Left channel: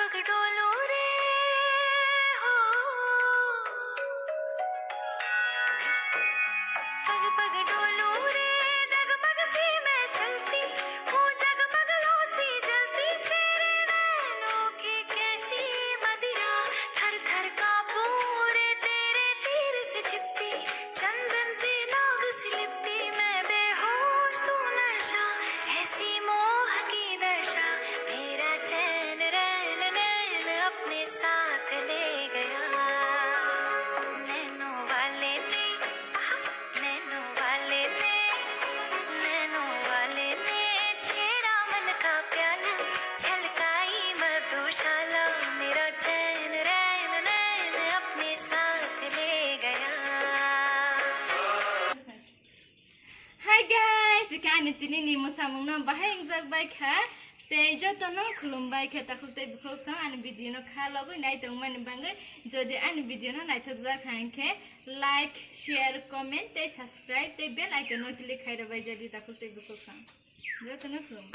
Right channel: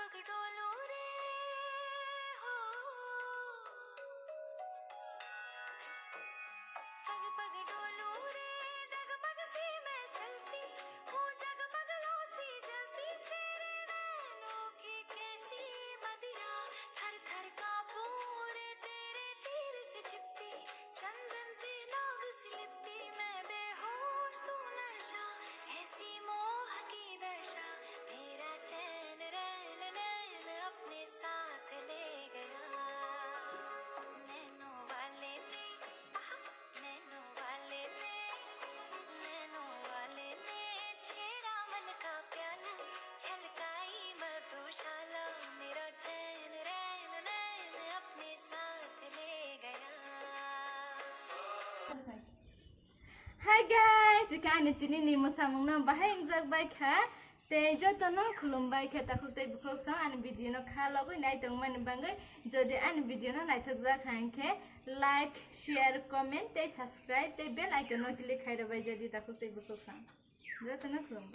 पग डोलो रे हो, पग पग डोलो रे, डगमग सी मैं चलती हूँ, जगमगलों सी जलती तेरे नैनों की कैसी मदिरा, थर थर कांपूं रे तेरे तीर से छिपती, चंदन से नाग से लिपटी मैं बेहोश तू नशा, ऐसी मोह की दशा, मेरा चैन रैन नैन अपने साथ ले गया, नैनों वाले ने, नैनों वाले ने, नैनों वाले ने छेड़ा मन का प्याला, छलकाई मधुशाला, मेरा चैन रैन नैन अपने साथ ले गया. Hi guys, ikan ini nih musamung na bahaya injak baik ha. Tejo tono khulum baik ha takut tei bukhok sang an video no kha logo nai tong man bangai jodi an video no nai thok jak hanke like share comment tei subscribe tei bell icon no click khai rabai jodi takut tei bukhok sang. Jo tono khulum.